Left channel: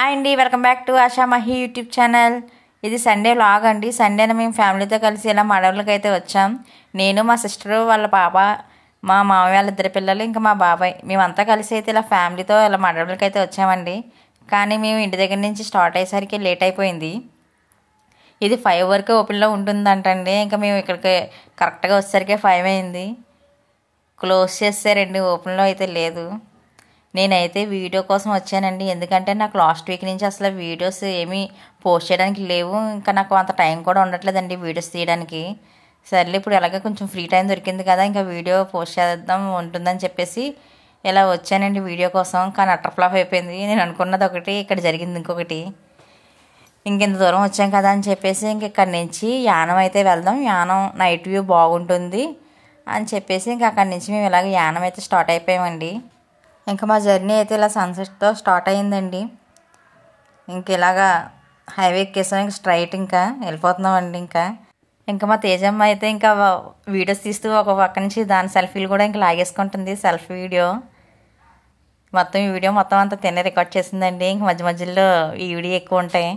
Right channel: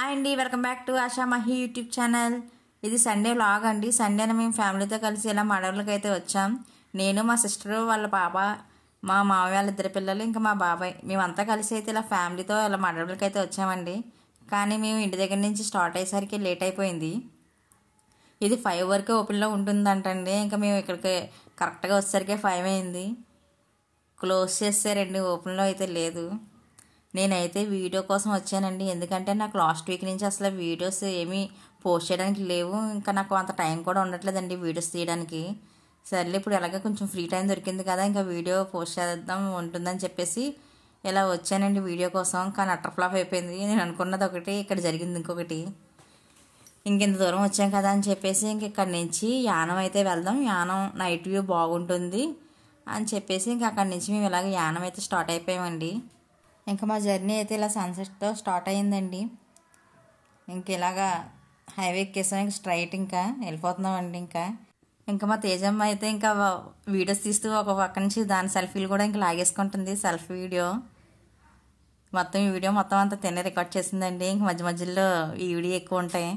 Hi అండి, welcome back to ASHA Mahi YouTube channel. ఇది Sunday vlog అండి. సండేన మేము ఫ్యామిలీతో కలిసి ఇలా మడవలకి అయితే వచ్చాం. నేను, మా సిస్టరు, వాళ్ళ పాప, మా మామయ్య వాళ్ళ ఇద్దరు పిల్లలు, ఇంకా మా బాబాయ్, మేమంతా కలిసి అయితే ఇలా ఫ్యామిలీతో ఇలా మడవలకి అయితే వచ్చామండి. కానీ మేము ఇంటి దగ్గర నుంచి స్టార్ట్ అయ్యేసరికి లేట్ అయిపోయింది. ఇది 5 వరకు ఓపెన్లో ఉంటుందంటండి. ఇంకా మేము ఇక్కడికి కరెక్ట్గా వచ్చేసరికి 5 అయింది. క్లోజ్ చేస్తారండి, ఓపెన్లో అయితే లేదు. నేనైతే వీడియో కోసం వచ్చానండి. ఎందుకంటే నాకు లాస్ట్ వీక్ నుంచి అసలు వీడియోస్ ఏమీ పోస్ట్ చేయడానికి లేవు. ఇంకా నాకు అంత టైం కూడా ఉండట్లేదండి వీడియోస్ తీయడానికి. సర్లే ఇప్పుడు ఎలాగ కొంచెం ఫ్రీ టైం దొరికింది కదా, ఇంకా వీడియో పోస్ట్ చేద్దాం ఉంటుందని చెప్పేసి ఇలా వచ్చానండి వీడియో కోసం. కానీ అటర్ ఫ్లాప్ అయిపోయింది. నేను అనుకున్నది ఒకటి, ఇక్కడ జరిగింది ఇంకొకటి. ఇంకెంత దూరం వచ్చాం కదా అని చెప్పేసి ఇంక ఇక్కడి నుంచి యానం అయితే వెళ్దాం, యానం నైట్ వ్యూ బాగుంటుంది అని చెప్పేసి ఇంక అక్కడి నుంచి మేము ఇలాగ యానం అయితే స్టార్ట్ అయిపోయామండి. ఇంకా మా జర్నీ అయితే ఇలా సన్సెట్తో స్టార్ట్ అయ్యిందండి. ఇంక ఇలాగా హైవే ఎక్కేసాం, ఇంకా స్ట్రైట్ ఇంకా వెళ్ళిపోతున్నామండి. ఇంకా మా తేజమ్మ అయితే ఇంకా వీడియోస్ తీస్తూ ఒక పక్క నుంచి దాని సెల్ఫీలు కూడా ఇంకా లాగేసుకుంటుంది. సెల్ఫీ వీడియో మొత్తం ఈ వీడియో మొత్తం అంతా తినే రికార్డ్ చేసిందండి. ఇంక మధ్య మధ్యలో ఈ వీడియో ఎక్కువ ఉంటాయి.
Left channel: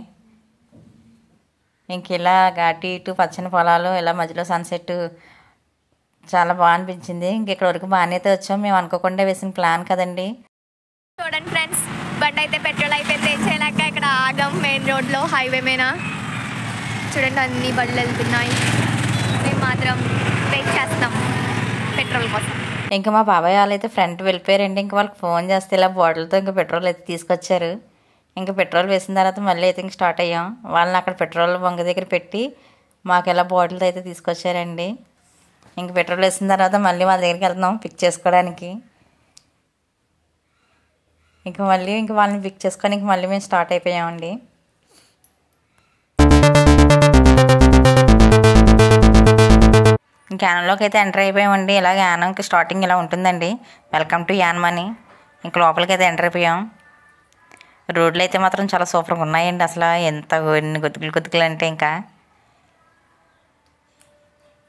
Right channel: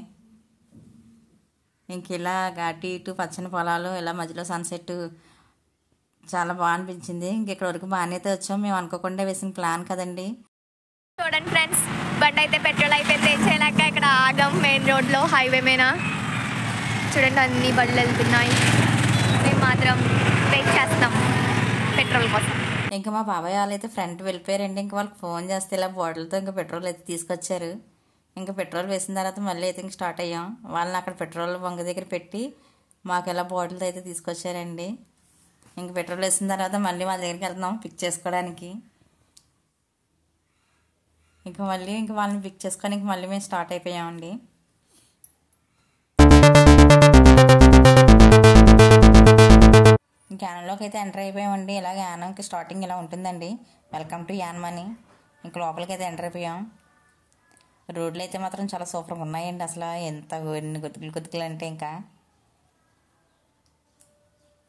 ఇంక ఇలా ఘాటి ఇటు పచ్చని పొలాలు, ఇలా మధ్యలో సన్సెట్ చాలా బాగా అనిపించింది. ఇక్కడ వరకు బాగానే అయితే వచ్చాం. మేము అనుకోకుండా వేసిన ప్లాన్ కదండి. చూడండి ఫ్రెండ్స్, బండి అయితే పెట్రోల్ అయిపోయింది. ఏం చేయలేక ఇక్కడ ఆగాం మెయిన్ రోడ్లో, హైవే మీద. చూడండి అన్ని బండ్లు వెళ్తున్నాయి, మేము మాత్రం వెయిట్ చేస్తాం పెట్రోల్ కోసం. ఇంకా మా బాబాయ్ వాళ్ళు అయితే ఫ్రంట్ వెళ్ళిపోయారండి. ఇంకా వాళ్ళకి ఫోన్ చేస్తే ఇలా బాటిల్తో ఇంకా పెట్రోల్ అయితే తీసుకొచ్చారు. ఇంకా పెట్రోల్ వేసిన తర్వాత మళ్ళీ అయితే ఇంక స్టార్ట్ అయ్యాం. వాళ్ళని అక్కడ పెట్రోల్ బంక్ దగ్గర పెట్టి మాకు ఇలా బాటిల్తో అయితే తీసుకొచ్చారండి. ఇంక పెట్రోల్ వేసిన తర్వాత మళ్ళీ వాళ్ళ దగ్గరికి వెళ్తున్నాం పిక్ చేసుకోవడానికి. ఇంక వాళ్ళని పిక్ చేసుకొని మళ్ళీ మేము స్టార్ట్ అయిపోయామండి. ఇంక యానంలోకి అయితే ఎంటర్ అయిపోయామండి. ఇలాగ యానంకి స్టార్టింగ్ ఇలా ఉంటుందండి, వెల్కమ్ టు యానం అని. ఇంక లోపలికి అయితే ఎంటర్ అయిపోయాం. రోడ్లు అయితే మాత్రం చాలా సూపర్గా ఉన్నాయండి. అసలు ఎంత గొద్దుకులు అంటే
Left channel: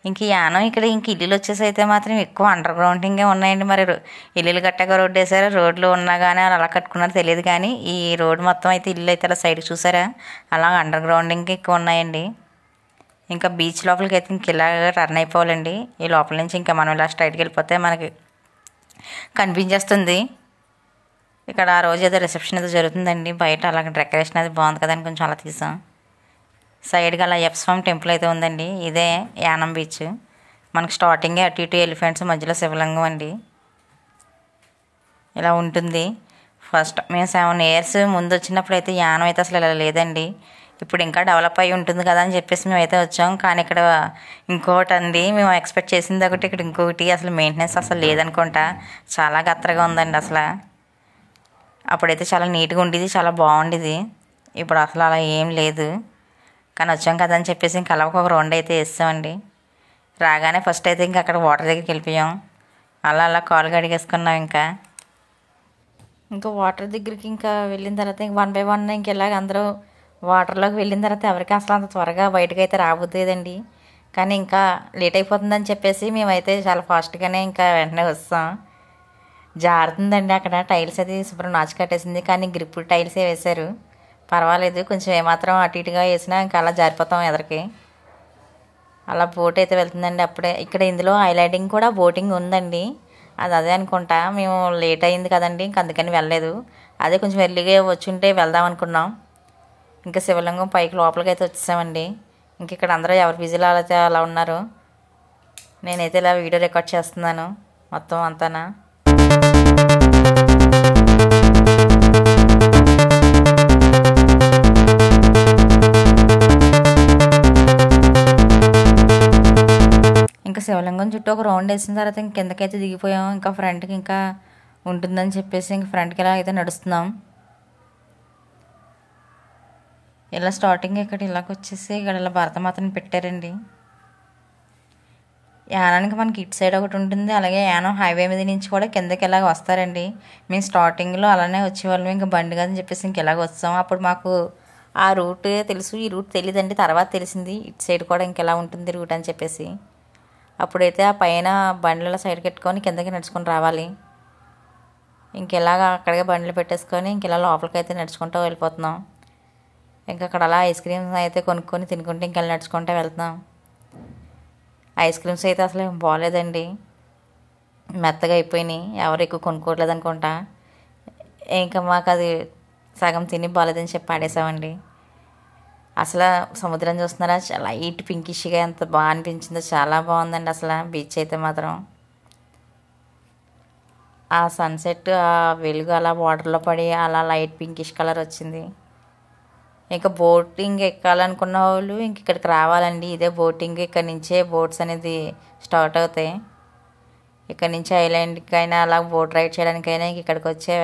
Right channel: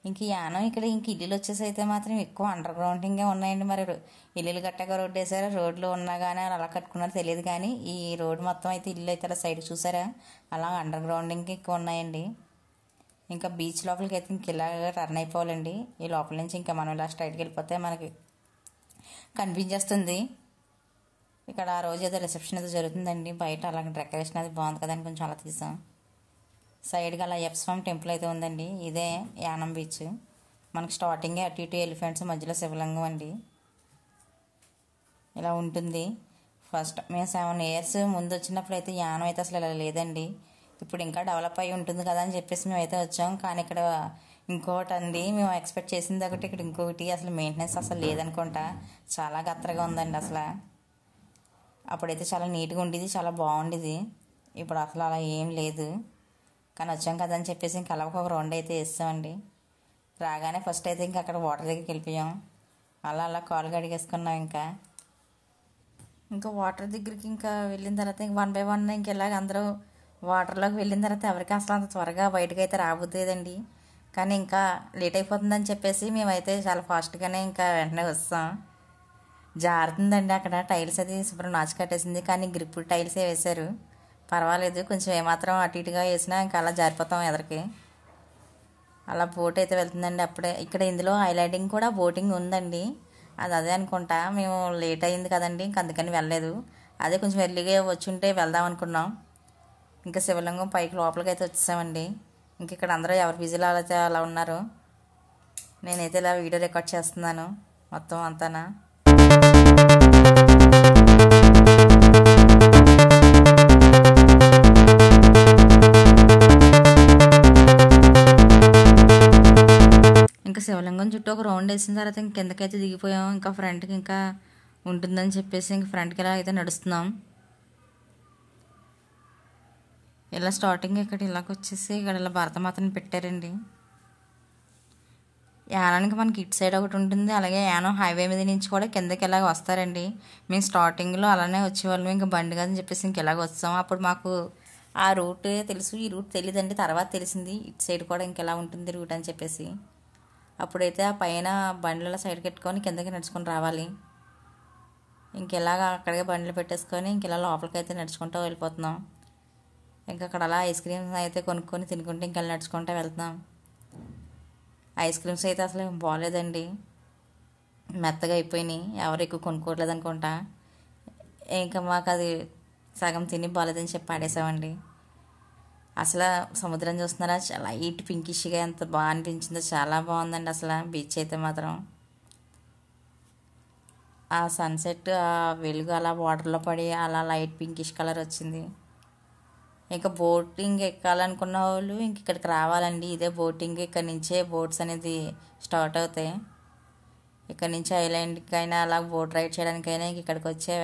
ఇంక యానం ఇక్కడ ఇంక ఇల్లులు వచ్చేసి అయితే మాత్రం ఎక్కువ అండర్ గ్రౌండింగే ఉన్నాయండి. మరి ఇల్లులు కట్టాక రోడ్డు వేసారు, రోడ్లు ఉన్నా కానీ అలా కట్టుకున్నారో తెలియదు. కానీ ఈ రోడ్డు మొత్తం అయితే ఇల్లు అయితే అలా సైడ్కి చూసారా, అలా అండర్ గ్రౌండింగ్ ఎక్కువ ఉన్నాయండి. ఇంకా బీచ్ లోపలికి అయితే ఇంక ఇలా టర్న్ అయిపోవాలండి. ఈ లోపల నుంచి ఇంకా మనం ఇలా స్ట్రైట్కి వెళ్ళిపోతే మనకి కనిపించేస్తుంది. ఇక్కడ ఆ రోజు ఏదో రిసెప్షన్ ఏదో జరుగుతుందండి. బయట అలాగే డెకరేషన్ అది బాగుంది కదని కొంచెం అలా తీసాం. సైడ్గా అలా ఎప్స్వామి టెంపుల్ అయితే ఉందండి. ఇదే యానం బీచ్. మనకు స్టార్టింగే అటు ఇటు ఎలిఫెంట్స్, మధ్యలో శివలింగం అండి. ఇలా ఉంటుంది. ఫస్ట్ మేము 7 years ముందు వచ్చినప్పుడు అయితే యానం అయితే అసలు ఇలా లేదండి. ఇప్పుడు ఇంకా డెవలప్ అయ్యి ఉంటుంది కదా అని చెప్పేసి మేమైతే వచ్చాం. కానీ ఇక్కడ ఇంకొకటి అండి, మేము ఎక్స్పెక్ట్ చేసింది ఒకటి, ఇక్కడ ఇంకొకటి. అసలు మెయింటెనెన్స్ అసలు లేదనుకుంటా. చాలా గత్తరగా ఉందండి అసలు. అప్పుడైతే చాలా నీట్గా ఉండేది, చాలా బాగుండేది. ఇప్పుడు అసలు అలా ఏం లేదు. కానీ వచ్చాం కదా అని చెప్పేసి ఇంకా అలా ఒక రౌండ్ అయితే వేస్తామండి. రాగానే ఫస్ట్ అయితే ఇంకా అక్కడ వాటర్ దగ్గరికి వెళ్ళిపోయాం. అలా కాలు కడిగేసుకున్నాం. ఇంకా వాటర్ దగ్గరికి ఇంకా వెళ్ళిన తర్వాత ఇంక 1 by 1 ఇంక ఇలాగ అందరూ వాటర్లోకి వెళ్ళిన తర్వాత ఎవరికి అసలు అంత త్వరగా బయటకు అయితే రాబోతుందండి. కానీ ఇంకా లేట్ అయిపోతుందని చెప్పేసి మేమైతే చాలా ఫాస్ట్గానే ఇంకా వెంటనే వస్తాం. జారుతుందండి అక్కడ. టైల్స్ అది శుభ్రం నాచు కట్టేసింది, కానీ గ్రిప్ టైల్సే వేశారు. పర్వాలేదు, కొంచెం ఏమాత్రం అటు ఇటుగా వేసినా ఇంకా అలా జారిపోతాం ఎదరికి. అలా బోట్ అయితే వెళ్తుందండి అప్పుడే. ఇక్కడ ఇందులో హైలైటింగ్ కూడా బోటింగ్ ఉందండి. అదే అనుకుంటా. మేము లేట్ అయింది కదండి, ఇంక అందుకని వెళ్ళలేదు. అదే కొంచెం ఎర్లీగా వచ్చి ఉంటే వెళ్దాం అనుకున్నాం. ఇంకా శివలింగం పైకి లోపలికి అయితే వచ్చేసామండి. ఇంక ఇక్కడ అందరూ ఎవరు బిజీలో అయితే అలా ఉన్నారు. నేనైతే ఇలా వీడియో రికార్డ్ చేస్తున్నాను మొత్తం అంతానా. ఇంకా శివలింగం చుట్టూ ఒక రౌండ్ వేసిన తర్వాత ఇంక కిందకైతే దిగిపోయాం. ఇంకా ఫ్రంట్కి ఇంకా ఉంటుందని చెప్పేసి ఇంక ఫ్రంట్కి ఇలా అయితే నడుస్తున్నాం. ఇలా స్టార్టింగ్ ఇక్కడ ఇలాగ వచ్చేసి ఇక్కడ ఇలా భారతమాతని పెట్టారండి. యానానికి మనకి ఇటు సైడ్ ఒకటి ఉంటుంది, అలాగే యానం హైవే మీద నుంచి కూడా కిందకి ఇలాగ వస్తారండి. మేము స్టార్టింగ్లో అలానే వచ్చేవాళ్ళం. ఇంకా బండి అని చెప్పేసి ఇంక ఇలాగ వస్తాం. అప్పుడు మాకు ఆ రూట్ తెలుసు, ఈ రూట్ తెలియదండి. తర్వాత తెలిసింది ఇటు సైడ్ కూడా ఇంక ఎలా ఉంటుంది రూట్ అని చెప్పేసి. అప్పుడైతే ఆ పైన బండ్ల సైడ్ పెట్టుకొని కిందకి నడుచుకొని రావాలి. ఇంకెలాగా అక్కడికే బండ్లు పెట్టేసుకొని ఇంకెలా లోపలికి అయితే నడుచుకుంటూ వెళ్ళిపోతున్నాం. ఇంకా అక్కడ అలా ఐస్ క్రీమ్స్ అయితే కొనుక్కొని తినుకుంటే ఇంకెలా నడుచుకుంటూ వెళ్తున్నాం. ఐస్ క్రీమ్స్ అయితే అసలు ఏం బాగోలేదండి, మెత్తగా అయిపోయినాయి. ఎవరు ఎక్కువ కొనుక్కోవట్లేదు అనుకుంటా. ఇంకా మాకు అది సగం తిని బాగోలేదని చెప్పి ఆడేసామండి. అసలు సముద్రం చూస్తున్నారా, లైట్ పింకిష్గా ఎంత బాగా అనిపించిందో, చాలా బాగుందండి అసలు బీచ్ అయితే మాత్రం. ఆ సన్సెట్ ఆ వెలుగు అలా వాటర్లో పడి అలా లైట్ పింకిష్ కలర్ వచ్చింది. ఇంకా బోటింగ్ ఎక్కాలనుకున్న వాళ్ళు ఇంక ఇక్కడికి రావాలండి. ఇదే బోటింగ్, ఇక్కడ నుంచే బోట్స్ అనేది స్టార్ట్ అవుతాయి. ఇక్కడ నుంచి ఐలాండ్కైనా అలా బోట్ రైడ్ చేయడానికైనా ఇంక ఇక్కడికి వచ్చే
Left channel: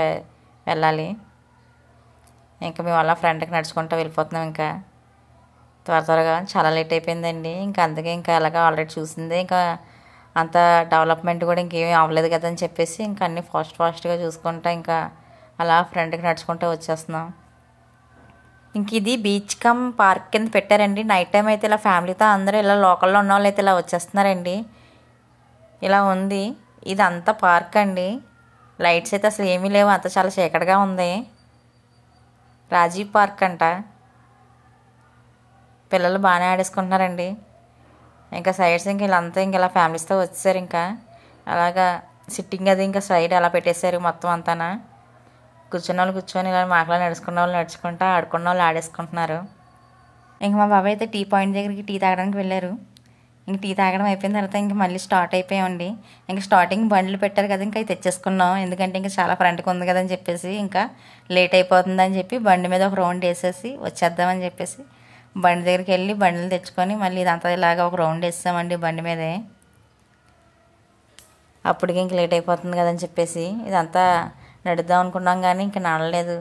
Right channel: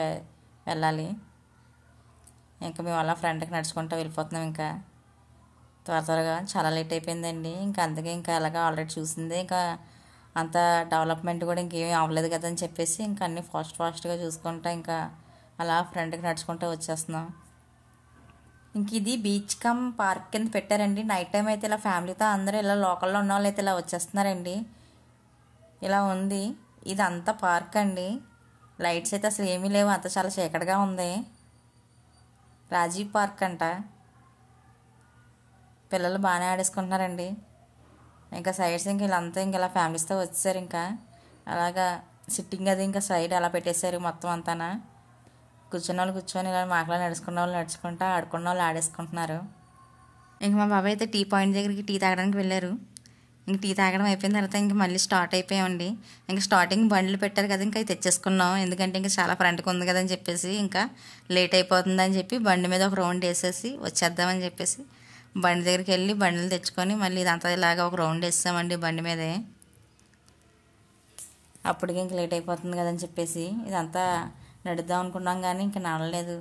వెళ్ళాలి. ఇంకా మేము అలా ఫ్రంట్కి నడుచుకుంటూ వెళ్ళిపోతున్నాం. ఇంకా త్వరగా చాలా లేట్ అయిపోయిందండి. ఇంకా అందుకే ఇంకా అలాగా ఆల్రెడీ చూసిందే, ఇంకా అంత డెవలప్మెంట్ కూడా ఇంకేమీ అవ్వలేదు కదా అని చెప్పేసి ఇంకా అన్నీ ఫాస్ట్గా చూసుకుంటా ఇంకా అలా ఫ్రంట్కి నడుచుకుంటూ వచ్చేస్తున్నాం. ఇంక ఇది బీచ్ కమ్ పార్క్ కింద పెట్టారండి. నైట్ టైం అయితే ఇలా ఫ్యామిలీతో అందరూ ఇలా లోకల్లో ఉన్న వాళ్ళు అయితే ఇలా వచ్చేస్తున్నారండి. ఇలా ఉంది, ఇది అంతా పార్క్ అండి. లైట్స్ అయితే అసలు ఏమీ లేవు, అంత చాలా చీకటిగా ఉంది. రాజీవ్ పార్క్ అంట. పిల్లలు బాగానే ఆడేసుకుంటున్నారండి. ఇంకా సైడ్స్ ఇంక వీళ్ళంతా ఇంక ఇలా ఫ్యామిలీస్తో వచ్చేసారు. ఇంకా అలాగా సిట్టింగ్ అది ఇంకా సైడ్ అలా పెట్టేశారు మొత్తం అంతానా. కూర్చున్న వాళ్ళు కూర్చొని ఇలా మాకలా నడుచుకున్న వాళ్ళు నడుచుకుంటా, ఆడుకున్న వాళ్ళు ఆడేసుకుంటున్నారు. ఇంక మా బాబాయ్ అయితే టీ పాయింట్ దగ్గరికి టీ తాగడానికి వెళ్ళారు. ఇంక టీ తాగడం అయిపోయిన తర్వాత ఇంక మళ్ళీ స్టార్ట్ అయిపోయామండి. ఇంకా స్టార్టింగ్ బండ్లు పెట్టారు కదా, ఇంకా తెచ్చేసుకున్నాం. ఎందుకంటే ఇంకా చాలా ఫ్రంట్కి ఉంది కదా అని చెప్పేసి, ఇంకా లేట్ అయిపోతుందని చెప్పి బండి మీద ఒక రౌండ్ వేసేసి వచ్చేద్దామని చెప్పేసి బండి దగ్గరికి వెళ్ళి బండ్లు తెచ్చుకొని మళ్ళీ ఇదంతా ఇలాగా ఒక రౌండ్ వేసామండి బండి మీదే. అప్పటికి ఇంక లేట్ అయిపోతుంది కదని చెప్పేసి ఇదంతా నడుద్దాం అనుకున్నాం, కానీ ఇంక నడలేదు.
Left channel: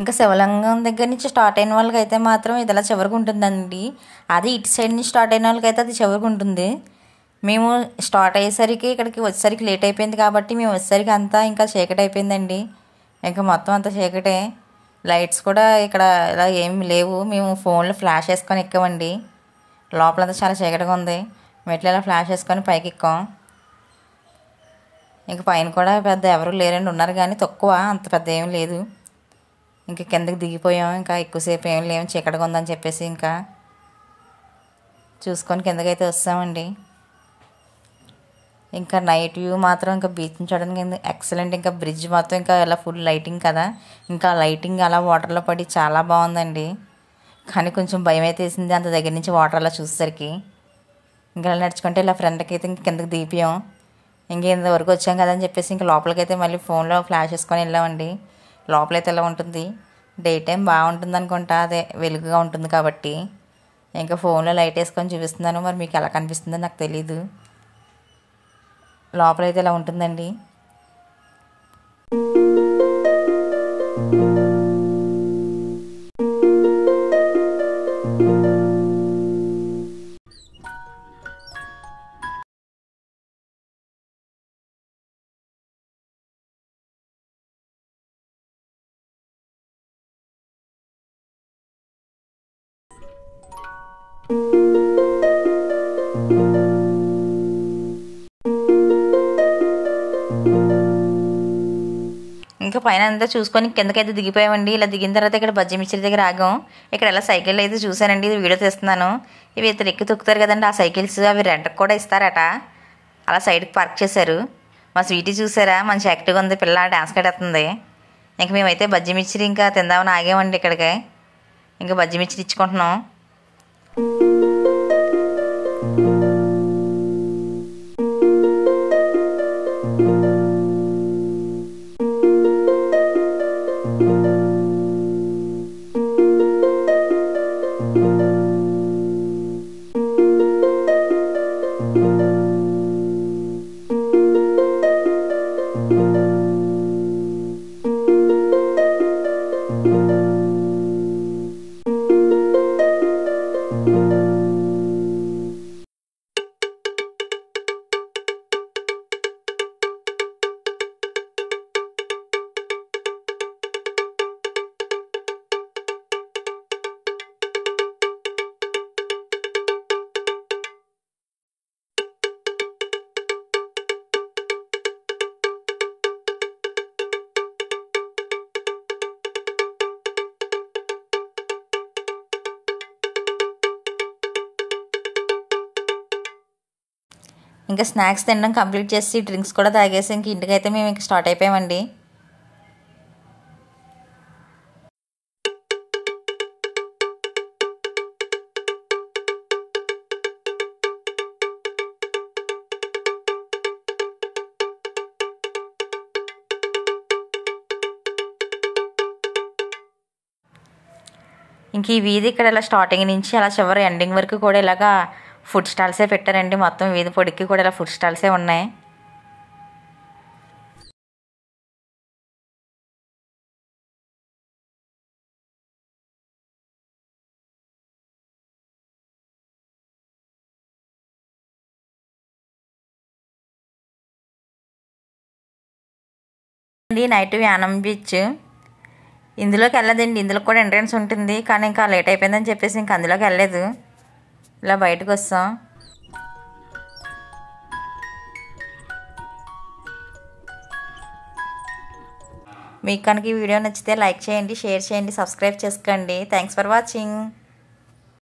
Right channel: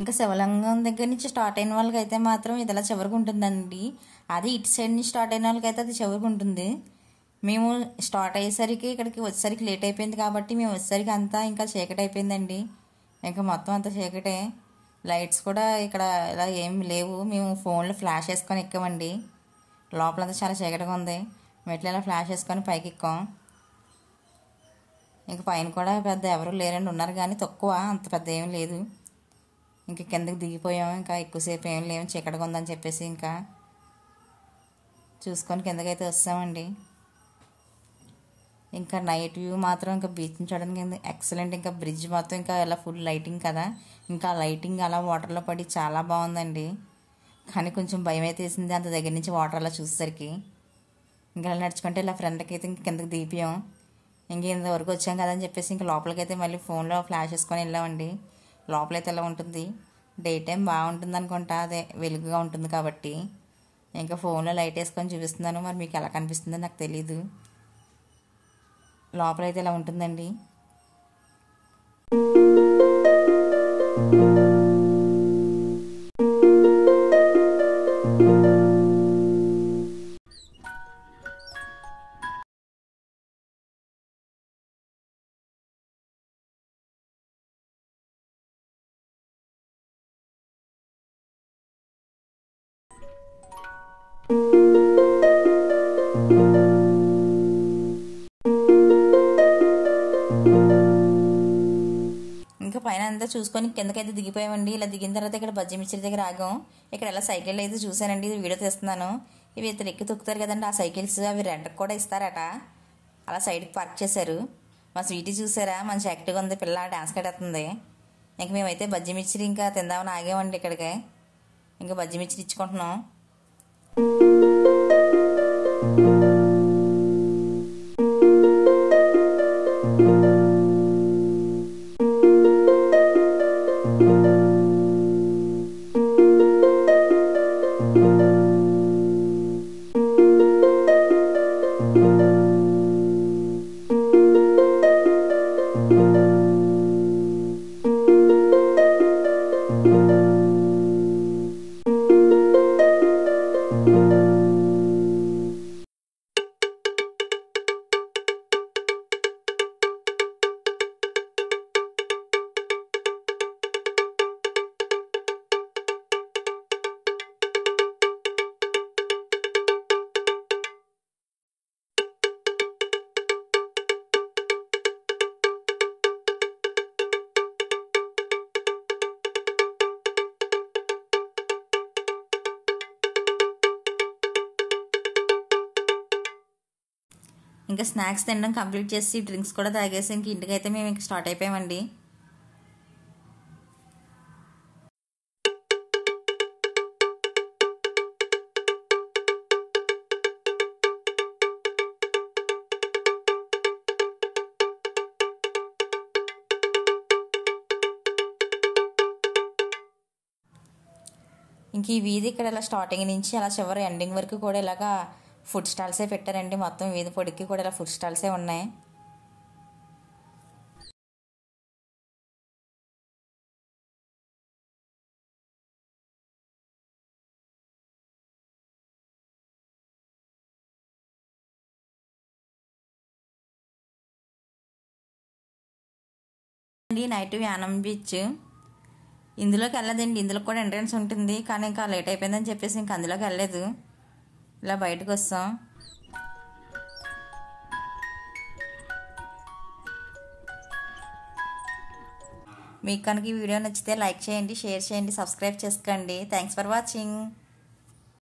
ఇంకా శివలింగం దగ్గర నుంచి స్టార్ట్ అయిన వాళ్ళకి అయితే మాత్రం ఇది ఇలా చివరికి ఉంటుందండి. అది ఇటు సైడ్ నుంచి స్టార్ట్ అయిన వాళ్ళకి అయితే అది చివరికి ఉంటుంది. మేము స్టార్ట్ అయ్యేసరికి ఇక్కడికి వచ్చేసరికి లేట్ అయిపోయింది కాబట్టి మేము వచ్చేసరికి అంతా ఇంకా చీకటి అయిపోయిందండి. ఇంకా మొత్తం అంతా చీకటే, లైట్స్ కూడా ఇక్కడ ఇలా ఏమి లేవు. మేము ఫోన్లో ఫ్లాష్ వేసుకొని ఎక్కామండి. లోపలంతా చాలా చీకటిగా ఉంది. మెట్లు ఇలా ఫ్లాష్ వేసుకొని పైకి ఎక్కాం. ఇంక పైన కూడా పెద్ద ఎవరు లేరండి, ఉన్నారు కానీ తక్కువ, అంత పెద్ద ఏం లేదు. ఇంకా కిందకి దిగిపోయాం. ఇంకా ఎక్కువసేపు ఏం లేవు, చీకటిగా ఉందని చెప్పేసి ఇంకా చూసుకొని కిందకైతే వస్తామండి. ఇంకా నైట్ వ్యూ మాత్రం ఇంకా బీచ్ని చూడడానికి ఎక్సలెంట్. ఇంకా బ్రిడ్జ్ మొత్తం ఇంకా ఇలా ఫుల్ లైటింగ్ కదా, ఇంకా లైటింగ్ అలా వాటర్లో పడి చాలా బాగుందండి. కానీ కొంచెం భయం అయితే వేసింది అంత దగ్గర నుంచి వాటర్ అలా చూసేసరికి. ఇంకా ఇలా నడుచుకుంటే ఇలా ఫ్రంట్కి అయితే ఇంక కిందకి దిగిపోయాం. ఇంకెంతవరకు వచ్చాం కదా అని చెప్పేసి ఇంకా లోపలికైతే మళ్ళీ ఫోన్లో ఫ్లాష్ వేసుకొని వెళ్ళామండి. లోపలైతే ఎలా ఉంటుంది, డే టైం బాగుంటుంది అనుకుంటా, అదే వెలుగుగా ఉంటుంది కాబట్టి. ఇంకా ఫోన్లో లైట్ వేసుకొని చూపిస్తున్నాను, మరి మీకు ఎలా కనిపిస్తుందో నాకు తెలీదు. లోపలైతే ఇలా ఉంటుందండి. ఇంకా పైన అంతా చూసుకొని కిందకైతే దిగిపోయామండి. ఇలా దిగిన తర్వాత ఇక్కడ బజ్జీ మిర్చి దగ్గర ఆగాం. ఇక్కడ ఎలా సైకిల్ అయితే చూసానండి, ఇది వీడియో తీస్తున్నాను. ఇవి ఇతరు ఎక్కి తొక్కుతారు కదండి ఆ సైకిల్స్, అవి రెంట్కి కూడా ఇస్తారట. అలా సైడ్కి పార్క్ చేశారు. మా స్వీటీ చూసారా మంచి యాక్టివ్గా ఉంది, పిల్ల డాన్స్ కట్టేస్తుంది. ఇంక మేమైతే బజ్జీ మిర్చిరి ఇంకా తిందామని ఆగామండి ఇక్కడికి. ఇంకా బజ్జీ మిర్చిరి ఇచ్చుకుంటున్నాం. ఇంకా స్నాక్స్ తినడం కంప్లీట్ చేసి డ్రింక్స్ కూడా తాగేసి ఇంక ఇంటికైతే మేము ఇంక స్టార్ట్ అయిపోయామండి. ఇంక ఈ వీధి ఇక్కడ ఇలా స్టార్టింగ్ నుంచి అలా చివరి ఎండింగ్ వరకు కూడా ఇలాగా ఫుడ్ స్టాల్సే పెట్టారండి. మొత్తం వీధి పొడికి కూడా ఇలా ఫుడ్ స్టాల్సే ఉన్నాయి. నైట్ యానం బీచ్ ఇందులోకి వెళ్ళదండి, ఇందులోకి కూడా ఎంట్రన్స్ ఉంటుంది. కానీ ఇంకా లేట్ అయిపోయిందని చెప్పేసి ఇంక అందులోకి వెళ్ళలేదు. ఇలా బయటకు వస్తాం. మీకు కనుక ఈ వీడియో నచ్చితే లైక్ చేయండి, షేర్ చేయండి, సబ్స్క్రైబ్ చేసుకోండి. Thanks for watching.